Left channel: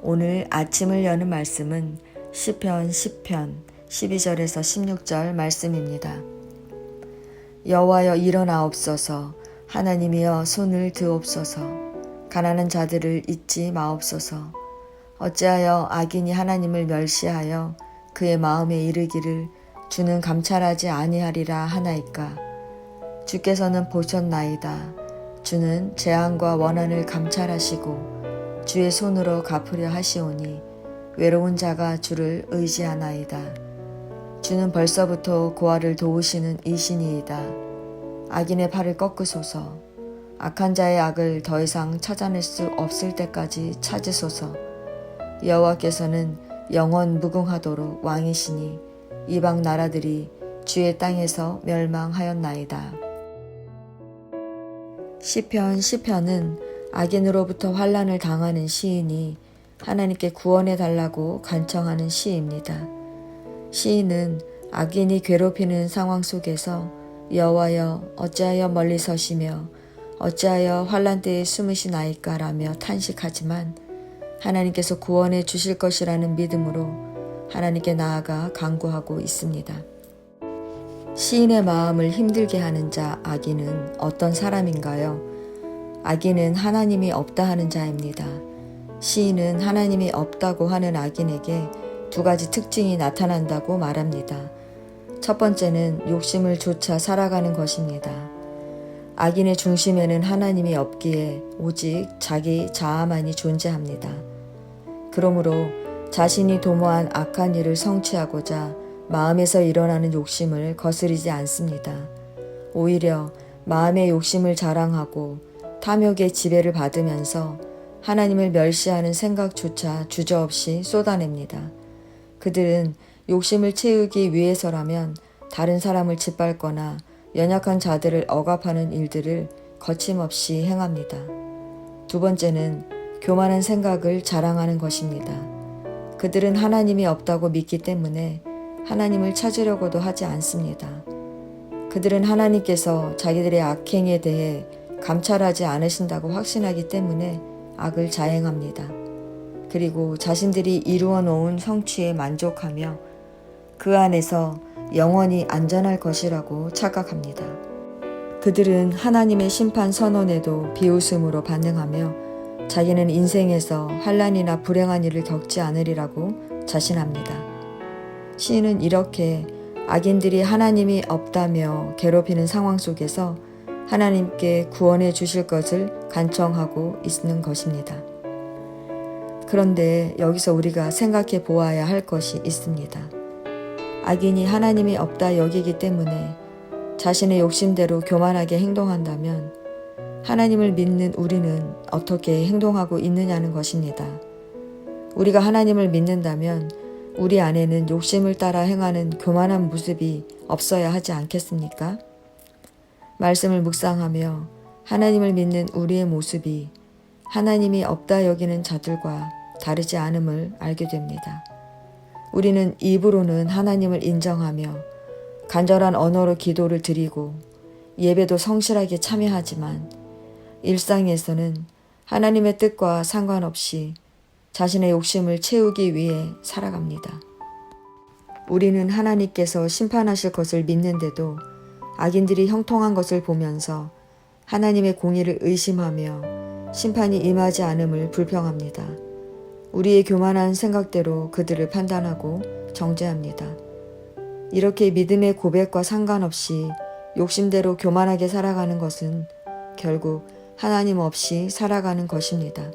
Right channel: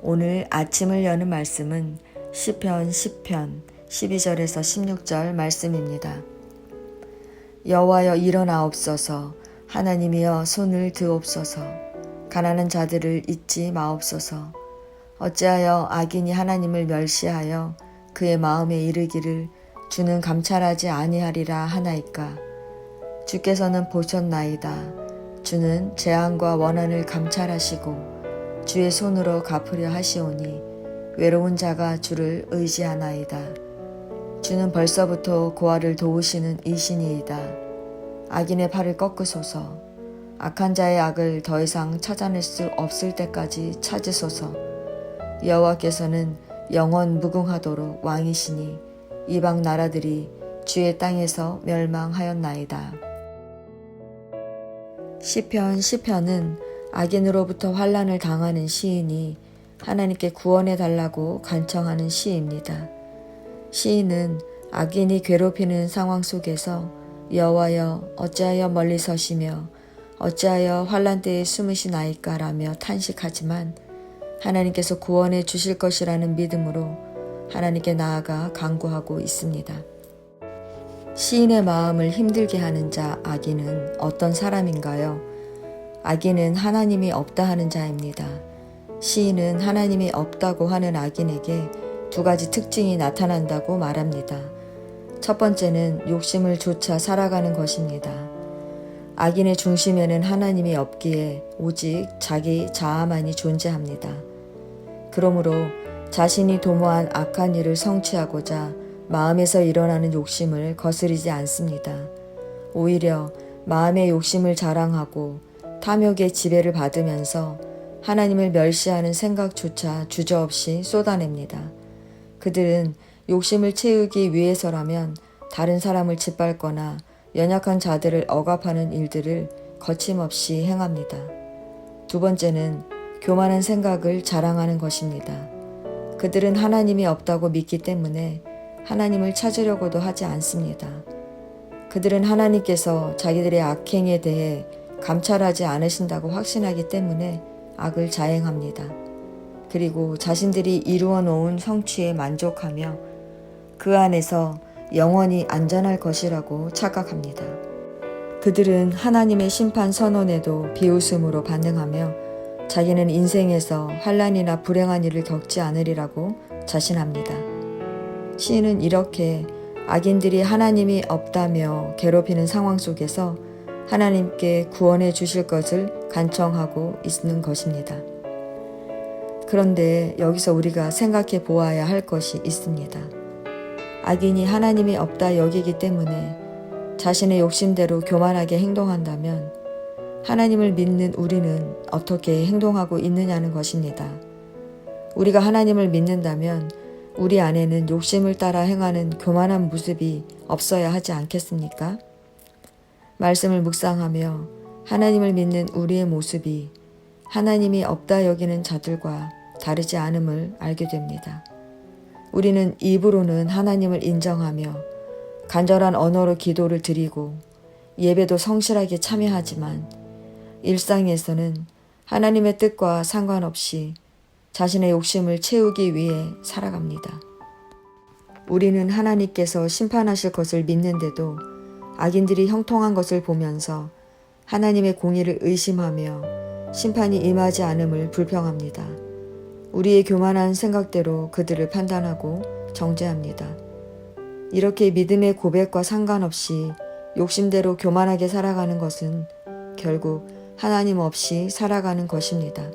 오늘 아침을 여는 말씀은 시편 10편 12절에서 16절 말씀입니다. 여호와여 일어나옵소서. 하나님이여 손을 드옵소서. 가난한 자들을 잊지 마옵소서. 어찌하여 악인이 하나님을 멸시하여 그의 마음에 이르기를 주는 감찰하지 아니하리라 하나이까. 주께서는 보셨나이다. 주는 재앙과 원한을 감찰하시고 주의 손으로 갚으려 하시오니 외로운 자가 주를 의지하나이다. 주는 벌써부터 고아를 도우시는 이신이이다. 악인의 팔을 꺾으소서. 악한 자의 악을 더 이상 찾아낼 수 없을 때까지 찾으소서. 여호와께서는 영원 무궁하도록 왕이시니 이방 나라들이 주의 땅에서 멸망하였나이다. 시편 10편은 악인으로부터 환난을 당하는 시인이 하나님께 구원해 달라고 간청하는 시입니다. 시인은 악인이 괴롭히는 상황 속에서 여호와여 어찌하여 멀리 서시며 어찌하여 환난 때에 숨으시나이까 라며 탄식하지만 하나님께서 구원해 주실 것이라는 믿음으로 하나님께 나아가 간구하고 있습니다. 시인의 마음을 힘들게 하는 자 악인은 어떤 사람인가요? 악인은 하나님이 없다 하는 자입니다. 시인은 하나님이 없다고 하는 악인에게 두 가지 특징이 나타난다고 말합니다. 첫 번째는 욕심을 좇아 살아가는 것입니다. 악인의 중심에는 하나님이 없기에 오직 자기 자아만이 존재합니다. 그러므로 자신이 도모한 악한 일을 성취하고자 마음에서 일어나는 욕심을 거스르지 않습니다. 오히려 마음의 욕심을 자랑하고 탐욕의 지배를 받으면서 하나님을 멸시하는 생각조차 주저없이 쏟아냅니다. 그들은 욕심을 채우기 위해서라면 다른 사람을 짓밟거나 연약한 자들을 억압하는 일들을 거침없이 행합니다. 두 번째는 교만한 생각을 자랑하는 것입니다. 그들은 하나님이 없다고 믿기 때문에 하나님을 찾으려고도 하지 않습니다. 그들은 하나님께서 자기들의 악행에 대해 감찰하지 않으신다고 확신하기 때문에 악을 자행합니다. 그리고 자신들이 이루어 놓은 성취에 만족하며 그 안에서 영원히 안전할 것이라고 착각합니다. 그들은 하나님의 심판 선언에도 비웃음으로 반응하며 자기는 인생에서 환난이나 불행한 일을 겪지 않으리라고 자신합니다. 시인은 이렇게 악인들이 하나님이 없다며 괴롭히는 상황 속에서 하나님께 구원해 주실 것을 간청하고 있는 것입니다. 그런데 여기서 우리가 생각해 보아야 할 것이 있습니다. 악인이 하나님이 없다 여기기 때문에 자신의 욕심대로 교만하게 행동한다면 하나님을 믿는 우리는 어떻게 행동하고 있느냐는 것입니다. 우리가 하나님을 믿는다면 우리 안에는 욕심을 따라 행하는 교만한 모습이 없어야 하지 않겠습니까? 말씀을 묵상하며 하나님을 믿는 우리의 모습이 하나님이 없다 여기는 자들과 다르지 않음을 알게 됩니다. 우리는 입으로는 하나님을 인정하며 간절한 언어로 기도를 드리고 예배도 성실하게 참여하지만 일상에서는 하나님의 뜻과 상관없이 자신의 욕심을 채우기 위해 살아갑니다. 우리는 하나님께서 심판하실 것을 믿는데도 악인들이 형통한 것을 보면서 하나님의 공의를 의심하며 심판이 임하지 않음을 불평합니다. 우리의 교만한 생각대로 그들을 판단하고 정죄합니다. 이렇게 믿음의 고백과 상관없이 욕심대로 교만하게 살아가는 것은 결국 하나님 없이 살아가는 것입니다.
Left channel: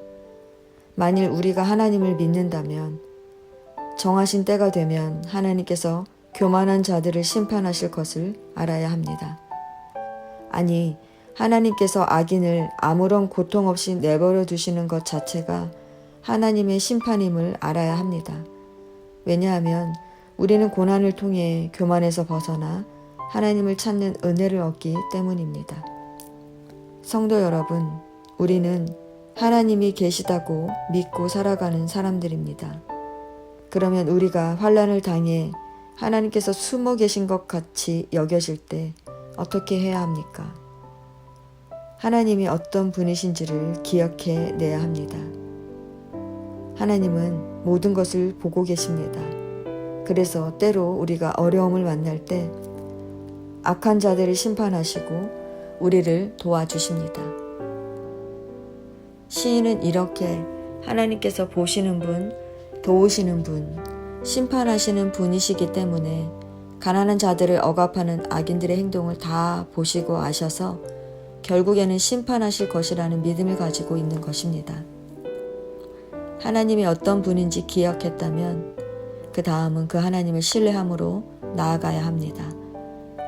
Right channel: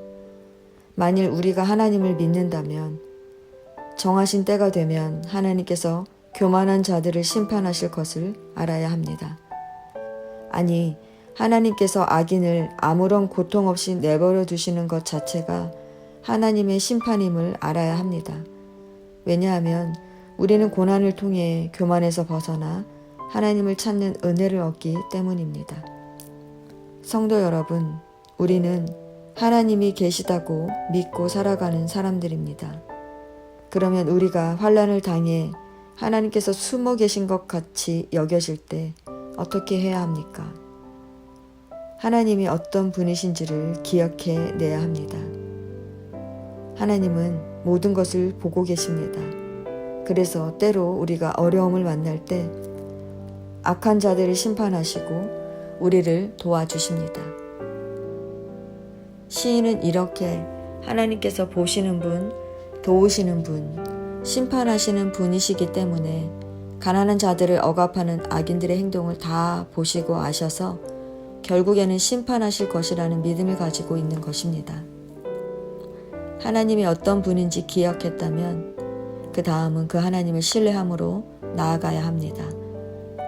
만일 우리가 하나님을 믿는다면 정하신 때가 되면 하나님께서 교만한 자들을 심판하실 것을 알아야 합니다. 아니, 하나님께서 악인을 아무런 고통 없이 내버려 두시는 것 자체가 하나님의 심판임을 알아야 합니다. 왜냐하면 우리는 고난을 통해 교만에서 벗어나 하나님을 찾는 은혜를 얻기 때문입니다. 성도 여러분, 우리는 하나님이 계시다고 믿고 살아가는 사람들입니다. 그러면 우리가 환난을 당해 하나님께서 숨어 계신 것 같이 여겨질 때 어떻게 해야 합니까? 하나님이 어떤 분이신지를 기억해 내야 합니다. 하나님은 모든 것을 보고 계십니다. 그래서 때로 우리가 어려움을 만날 때 악한 자들을 심판하시고 우리를 도와주십니다. 시인은 이렇게 하나님께서 보시는 분, 도우시는 분, 심판하시는 분이시기 때문에 가난한 자들을 억압하는 악인들의 행동을 다 보시고 아셔서 결국에는 심판하실 것이라는 믿음을 가지고 있는 것입니다. 하나님이 어떤 분인지 기억했다면 그 다음은 그 하나님을 신뢰함으로 나아가야 합니다.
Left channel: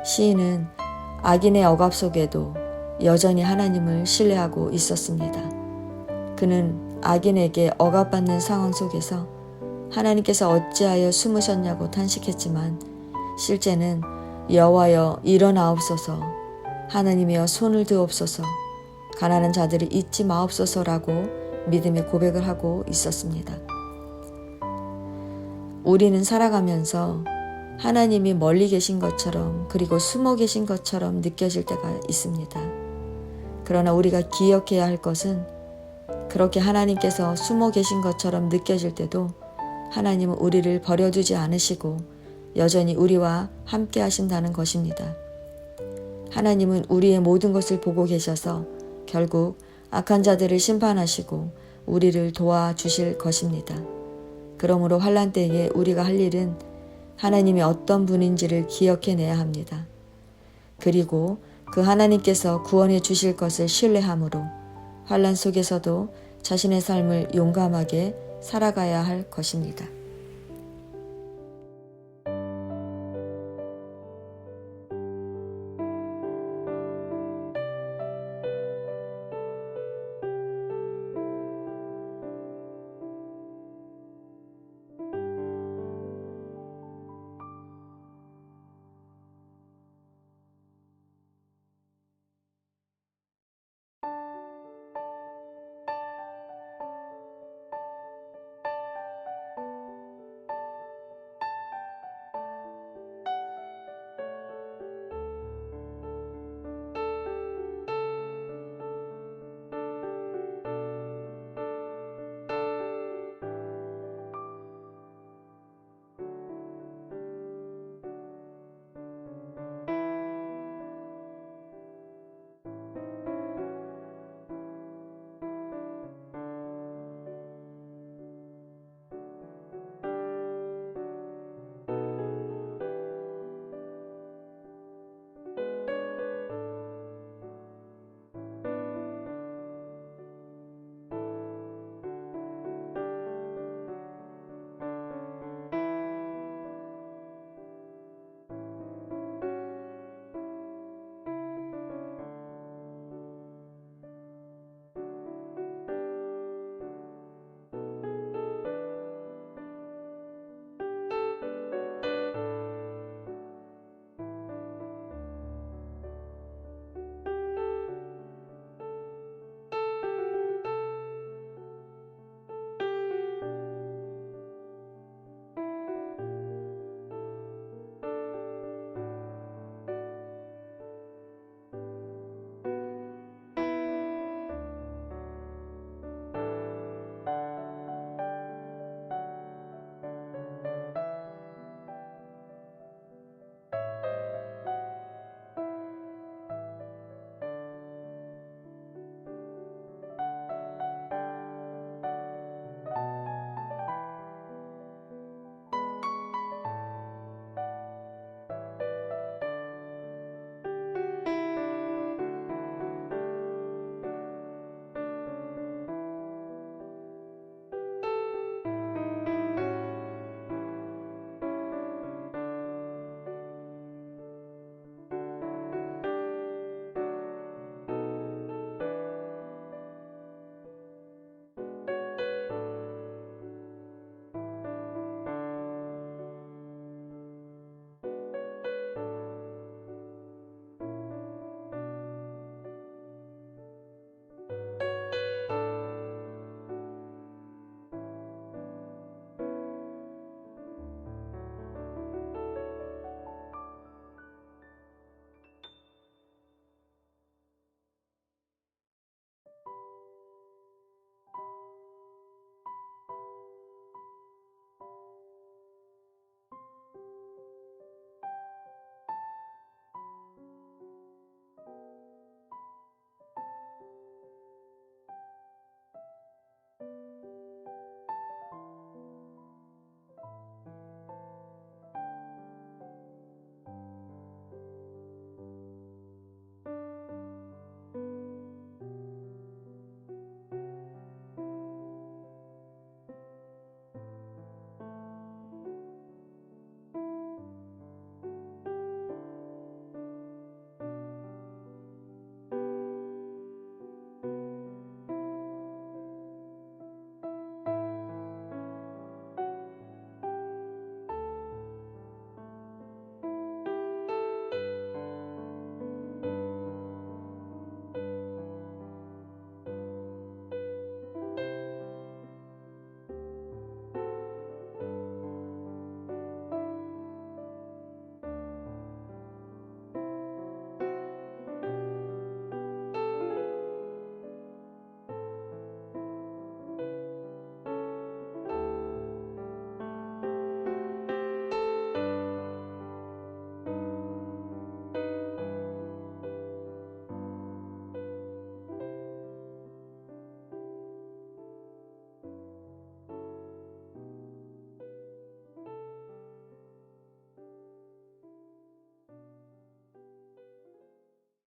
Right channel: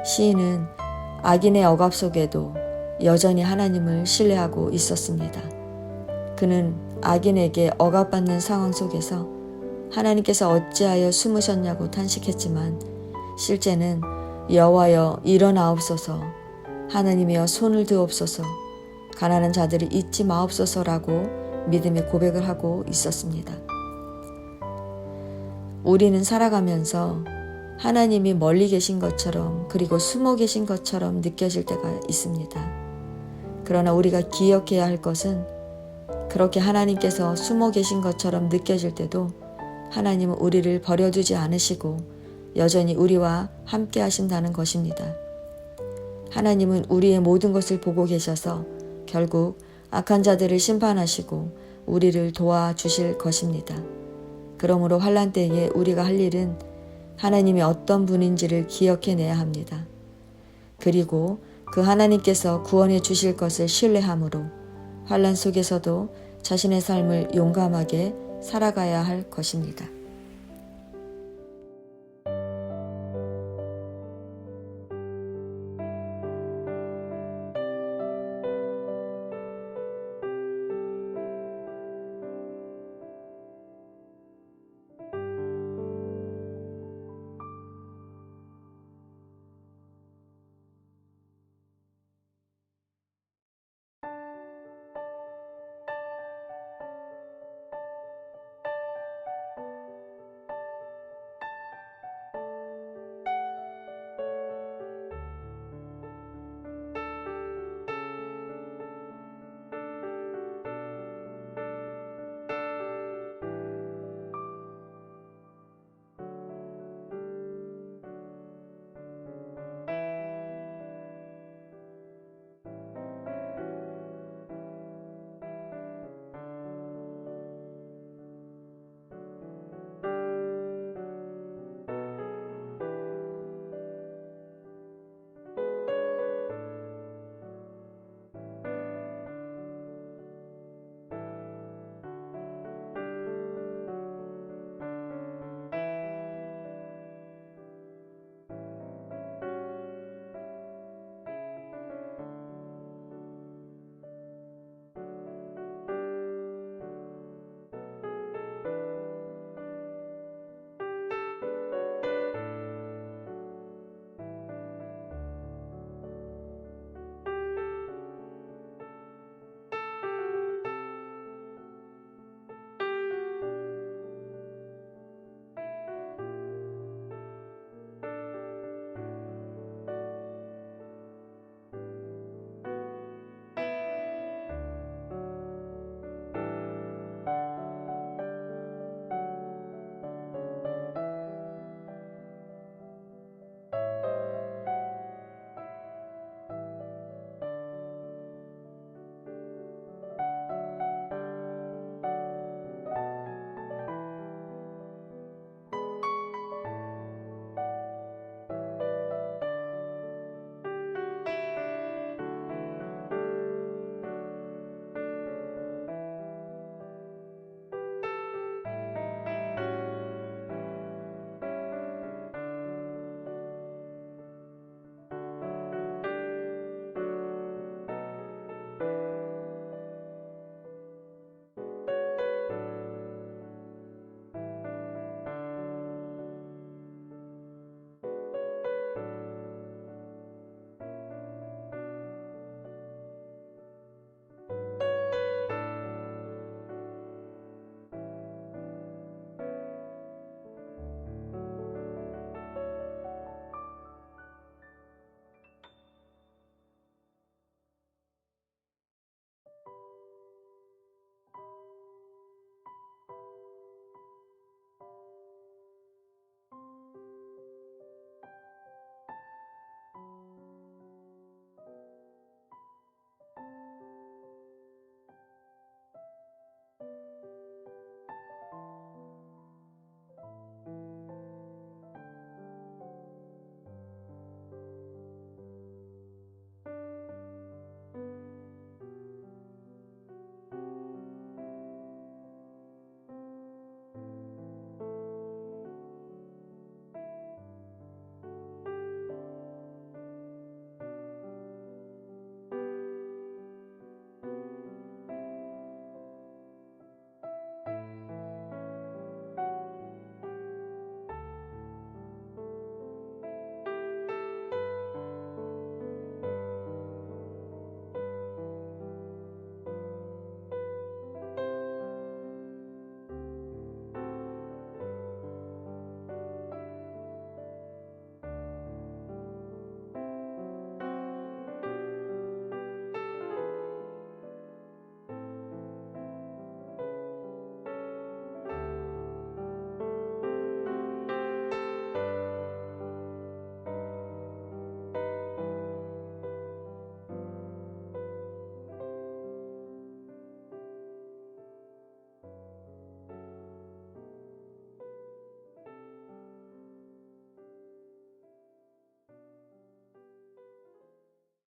시인은 악인의 억압 속에도 여전히 하나님을 신뢰하고 있었습니다. 그는 악인에게 억압받는 상황 속에서 하나님께서 어찌하여 숨으셨냐고 탄식했지만 실제는 여호와여 일어나옵소서, 하나님이여 손을 드옵소서, 가난한 자들을 잊지 마옵소서라고 믿음의 고백을 하고 있었습니다. 우리는 살아가면서 하나님이 멀리 계신 것처럼 그리고 숨어 계신 것처럼 느껴질 때가 있습니다. 그러나 우리가 기억해야 할 것은 그렇게 하나님께서 숨어 계신 것처럼 느껴질 때도 하나님은 우리를 버려두지 않으시고 여전히 우리와 함께 하신다는 것입니다. 하나님은 우리의 모든 것을 보고 계셔서 결국 악한 자들을 심판하시고 우리를 도와주실 것입니다. 그러므로 환난 때에 우리가 할 일은 하나님이 어떤 분인지를 기억해내야 합니다. 그리고 그 하나님께서 구원해 주실 것을 신뢰함으로 환난 속에서도 자신의 삶을 용감하게 살아가야 할 것입니다.